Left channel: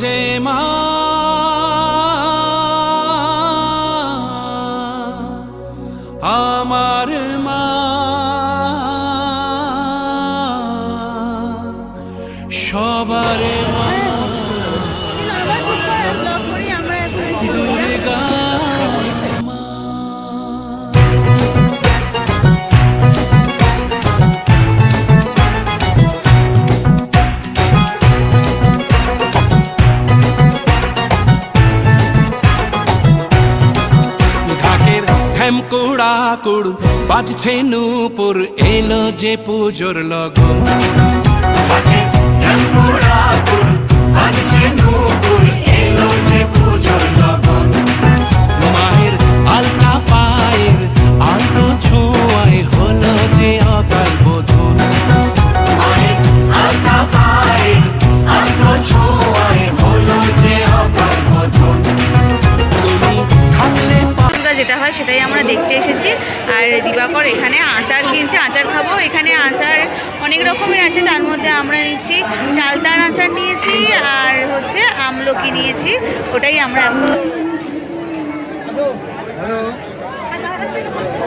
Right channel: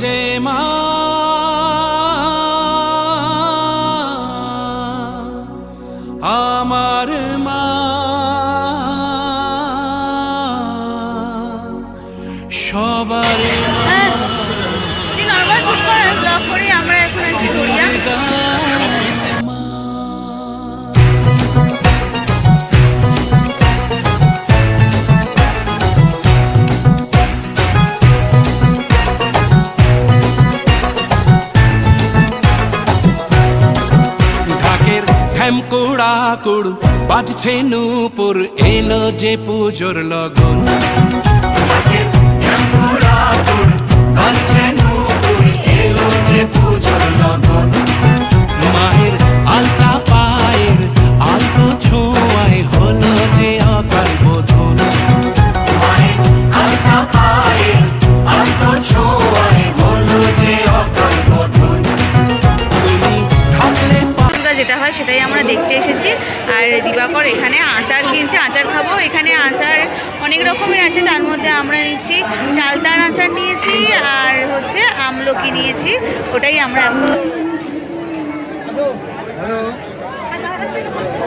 যে মা আমার মা সবার মা নর্মাল শুট করে ব্লগ করি আমরা এখন আছি গড়িয়া। ঢাকের ঢ্যামকুড়া কুড় বাজছে নূপুর এলো যে পুজোর লগন মায়ের আলতা পায়ের আলতো ছোঁয়ায় হলো যে অকাল বোধন তুমি থাকলে যেটা হয় সেটাই আমরা দেখতে এসেছি। আর দিবাকর এখানে আচার কিনছে, আচার খাবো। এখানে আচার অনেক রকমের আছে, তার মধ্যে আমরা নিচ্ছি চালতার আচার নিয়েছি আর হচ্ছে আমলকি নিয়েছি। ওটাই আমরা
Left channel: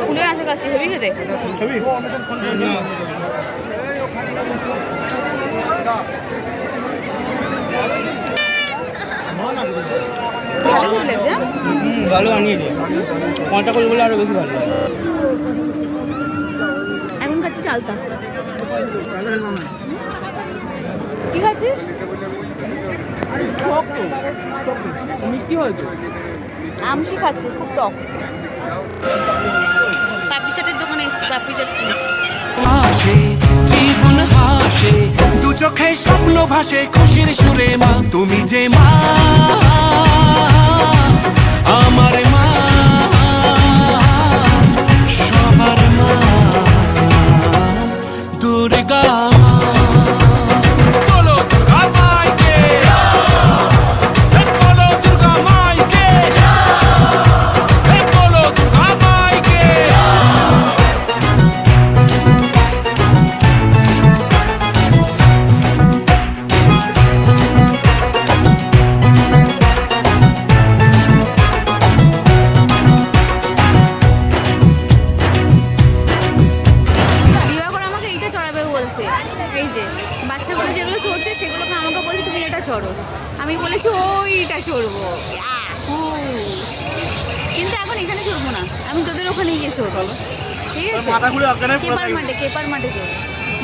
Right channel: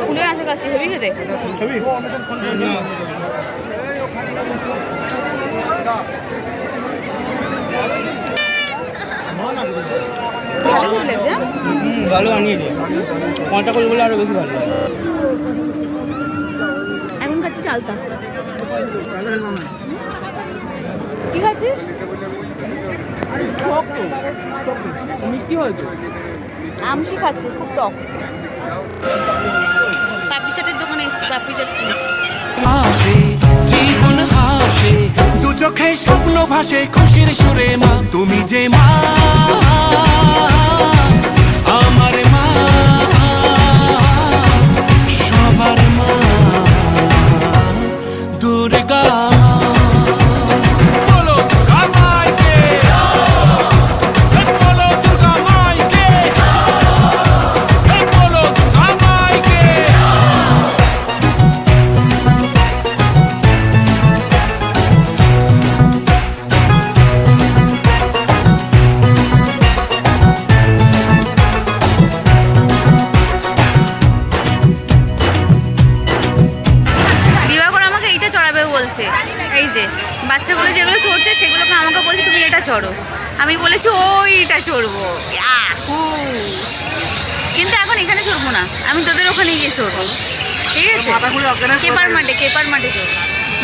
ফুলের আচার খাচ্ছি। হেবি খেতে ভালো খেতে লাগছে। ভালো আনিয়ে দিই পঞ্চা করে বলে আরো বেশি ভালো এখন খাচ্ছি চালতা। কি খাচ্ছিস? মিষ্টি হয়েছে আমসি খাচ্ছি, খুব টক। পাপড়ি চাটের দোকানে এসছি, পাপড়ি চাট কিনছি। আসে জীবন হাসে দু চোখে স্বপ্ন ভাসে খুশির সুরে মা তুমি যে মা আমার মা সবার মা দুর্গা মা বলো দুর্গা মাইকে বলো দুর্গা মাইকে বলো দুর্গা মাইকে দিবাকর আমাকে এইটা চড়াবে বলছে। এই যে বাচ্চাগুলো যেগুলো চড়ছে সেগুলোকে আমাকে বলছে তুমি এটা চড়ো। আমি বলেছি ওইটা চড়বো। ইয়াহু! কিন্তু এখন এখানে চড়বো না, আমি তোদের ওখানে গিয়ে চড়বো। ঠিক আছে, কেপার মাঠে চড়বো।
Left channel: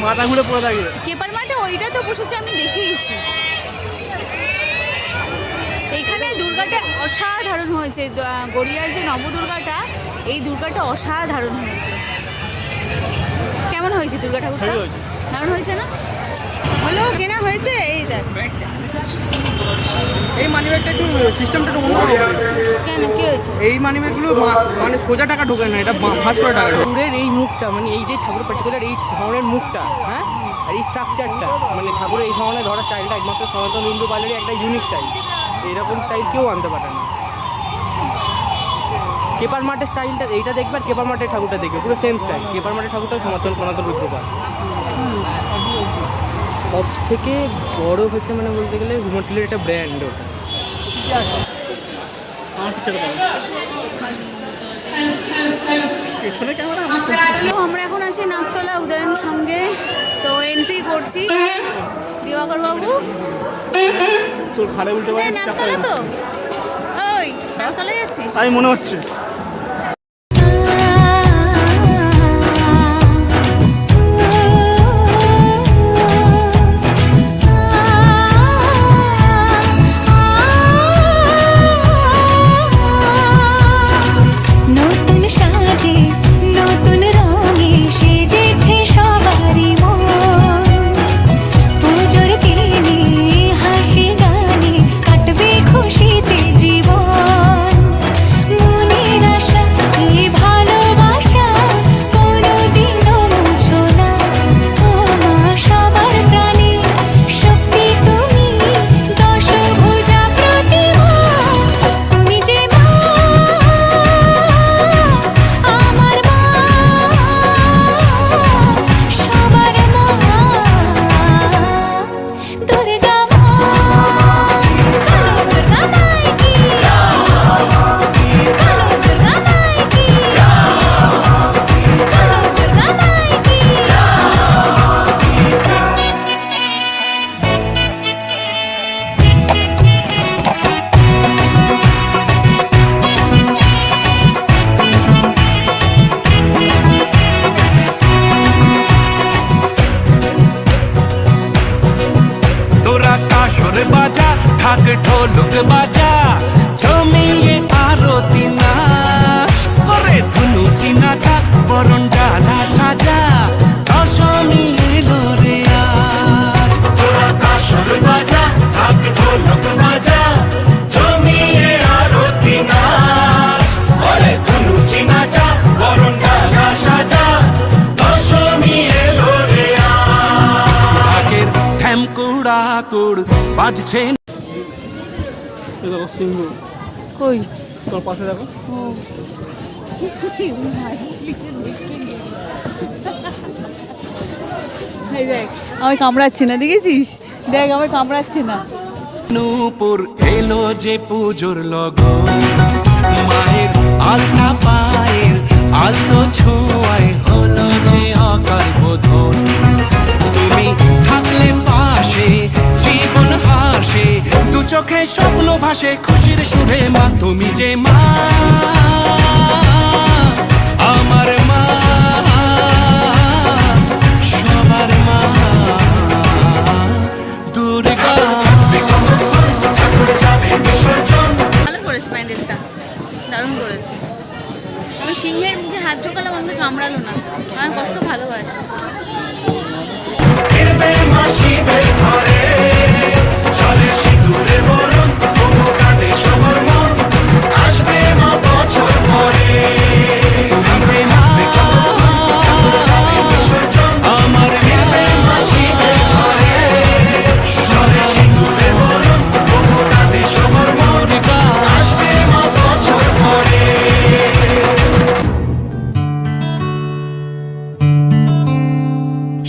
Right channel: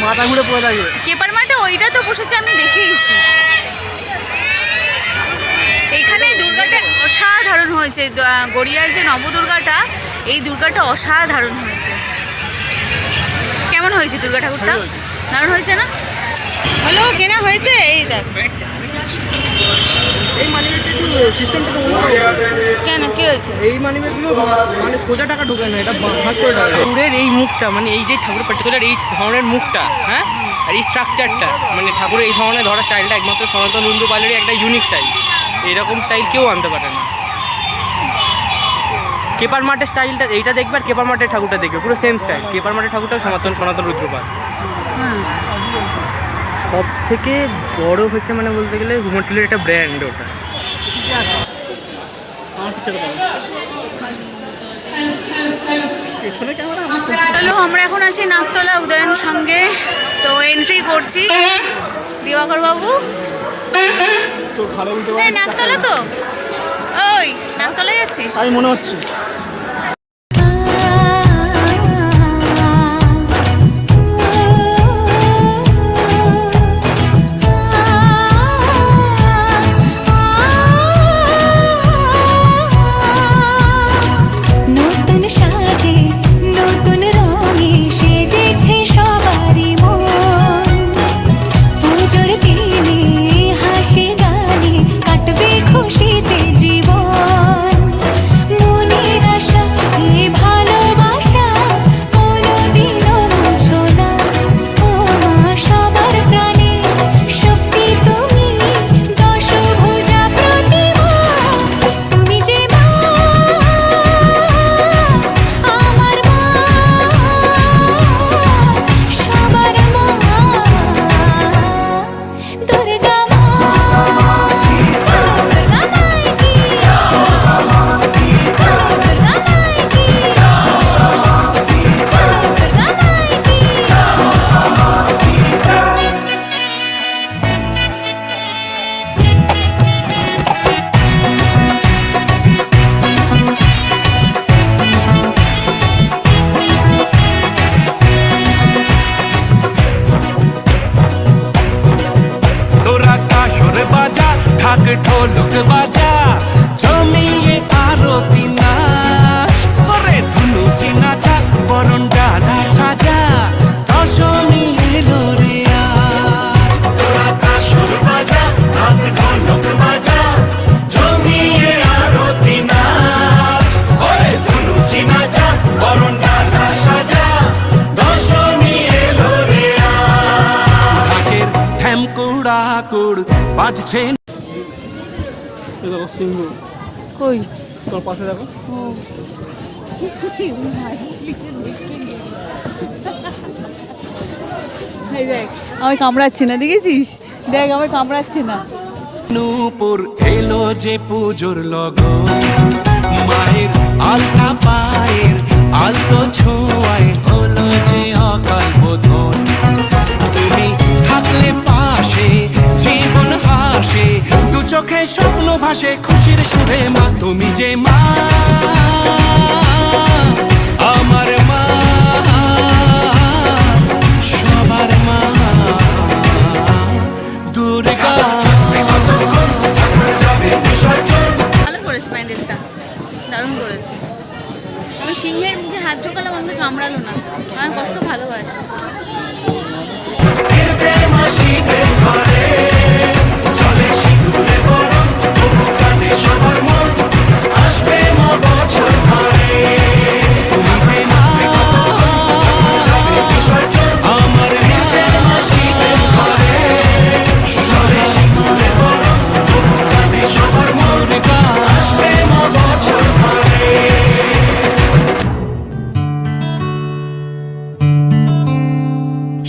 মাথা ঘুরে পড়ে থাকবে কেপার মাঠে ওইটা তো বসেছে, আমি দেখেইছি। এইখানে দুর্গাটা অসাধারণ হয়েছে। গড়িয়ার যে নবদুর্গাটা, এই দুর্গাটা অসাধারণ হয়েছে। কেমন হয়েছে দুর্গা ঠাকুরটা? দারুণ হয়েছে না? হলো কেনা হয়েছে। এই দেখ, এই মানিব্যাগটা একটু সিস্টেমটা একটু অন্য কেন কি হয়েছে? এই মানিব্যাগগুলো মানে সোজা টাকা ঢোকে না, এটা ভাঁজ করে টাকা ঠাকুরের এই মুখটা, মানে এই যে ঠাকুরের পার্টিকুলার এই ধরনের মুখটা, হ্যাঁ, আর এই স্ট্রাকচারটা, মানে ঠাকুরের এই ধরনের ধরা স্টাইলটা একমাত্র সনাতন হিন্দু পার্লারের একটা ইউনিক স্টাইল। এরকম স্টাইল কেউ আনতে পারে না। কেপার মাঠের স্টাইলটা এইটা দেখবে, আর কেপার মাঠের ঠাকুরটা দেখবে, পুরো সেম স্টাইল। কেপার মাঠের ঠাকুরটা সনাতন রুদ্রপাল। সব থেকে বড় হচ্ছে মানে বলতে গেলে হোটেলের একটা ব্র্যান্ড ওটা। তো আমরা এখন আছি নাকতলা উদয়ন সঙ্গে। তো এন্ট্রি করছি। দিবাকর বাবু, নাকতলা তো, ওই নাকতলায় যাচ্ছিস? তাই মনে হচ্ছে। নতুন সাজে নতুন রঙে সেজেছে সবারই মন। পুজোর দিনে হাসি গানে কাটবে খুশিতে জীবন। মনের কাসর বাজা ঢাক ঢোলক বাজা জমিয়ে আরতি নাচ ওরে ধুনুচি নাচা বরণ ডালা সাজা দশমী এলো রে আজ ওরা কাসর বাজা ঢাক ঢোলক বাজা জমিয়ে আরতি নাচ ওরে ধুনুচি নাচা বরণ ডালা সাজা দশমী এলো রে আজ ঢাকের ঠ্যামকুড়া কুড় বাজছে দেখো সিংহ কই তোর পাশে দেখো। এই দেখ আমি কামড়াচ্ছি না, দেখেছিস? দেখ আমি কামড়াচ্ছি না। নূপুর এলো যে পুজোর লগন মায়ের আলতা পায়ের আলতো ছোঁয়ায় হলো যে অকাল বোধন তুমি থাকলে পাশে জীবন হাসে দু চোখে স্বপ্ন ভাসে খুশির সুরে মা তুমি যে মা আমার মা সবার মা দুর্গা ভালো করেছে প্যান্ডেলটা, দারুণ করেছে। আমি সিংহের মুখে হাত ঢোকালাম, আমাকে কামড়ালো না, আমার কত ভালোবাসে। তুমি যে মা আমার মা সবার মা দুর্গা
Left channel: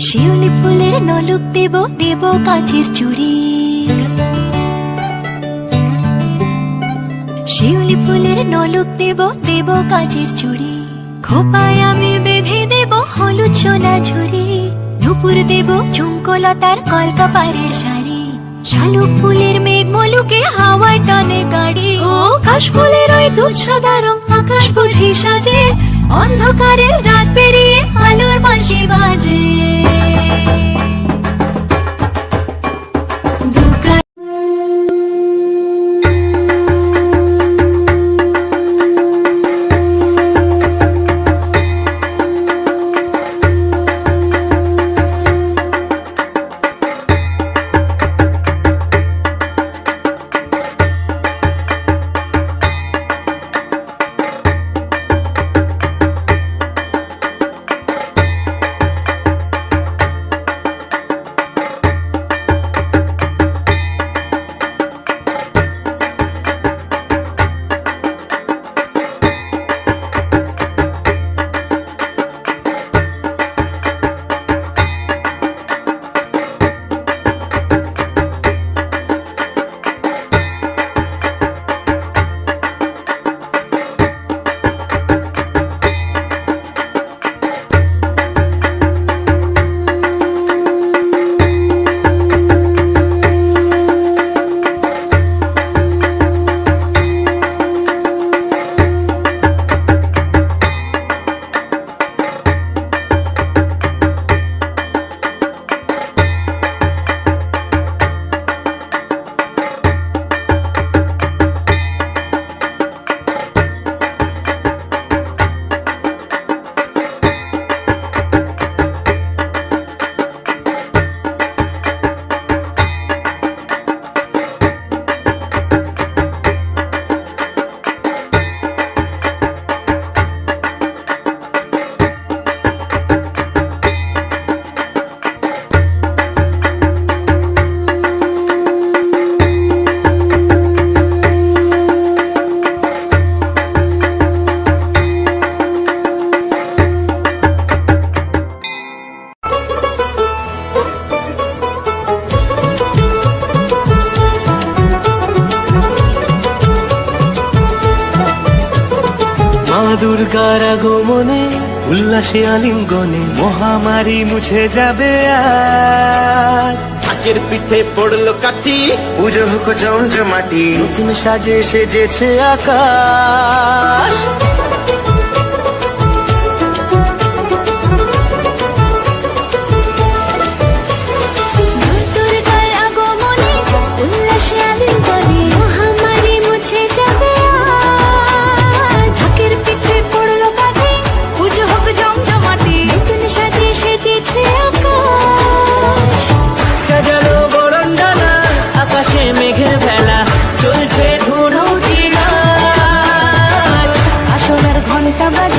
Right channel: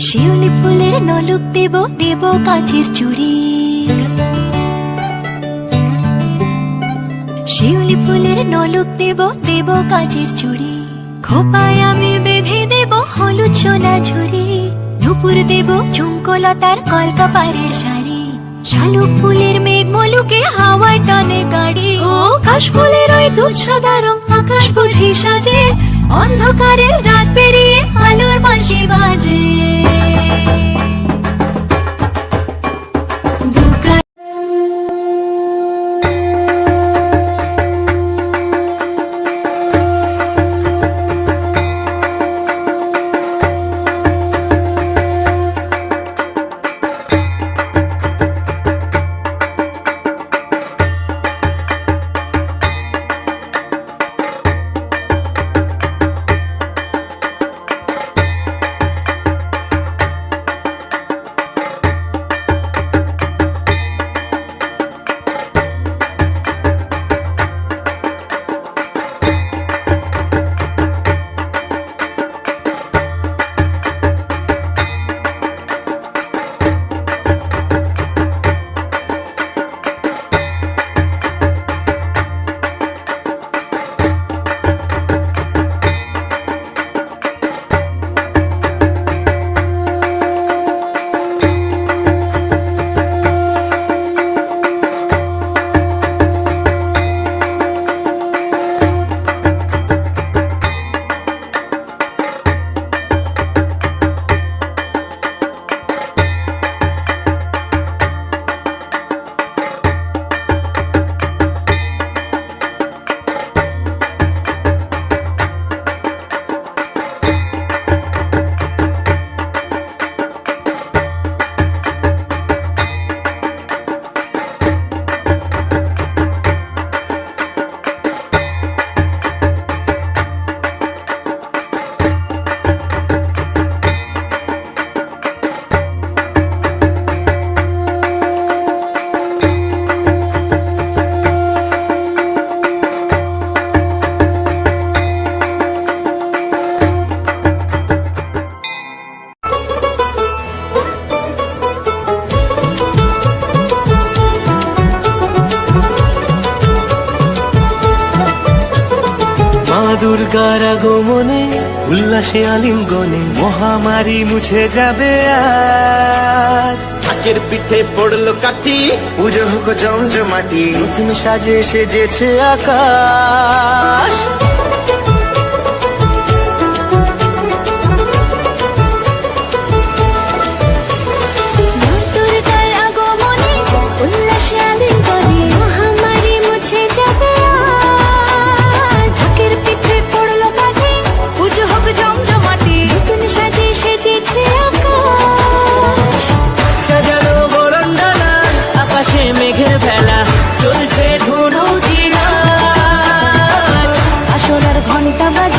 শিউলি ফুলের নলুক দেব দেব কাচের চুড়ি, শিউলি ফুলের নলুক দেব দেব কাচের চুড়ি, খোপায় আমি বেঁধে দেব হলুদ সোনা ঝুড়ি, দুপুর দেব ঝুমকোলতার কলকাপাড়ের শাড়ি, শালুক ফুলের মেঘ মলুকে হাওয়ায় টানে গাড়ি, ও কাশ ফুলের ওই দুধ সাদা রং আকাশ বুঝি সাজে, অন্ধকারে রাত পেরিয়ে আলোর বাঁশি বাজে। দুর্গার আগমনে উল্লাসে আলিঙ্গনে মহামারী মুছে যাবে আজ। ঢাকের পিঠে পড়লো কাঠি পুজো হোক জমজমাটি নতুন সাজে সেজেছে আকাশ। দুর্গার আগমনে বাজা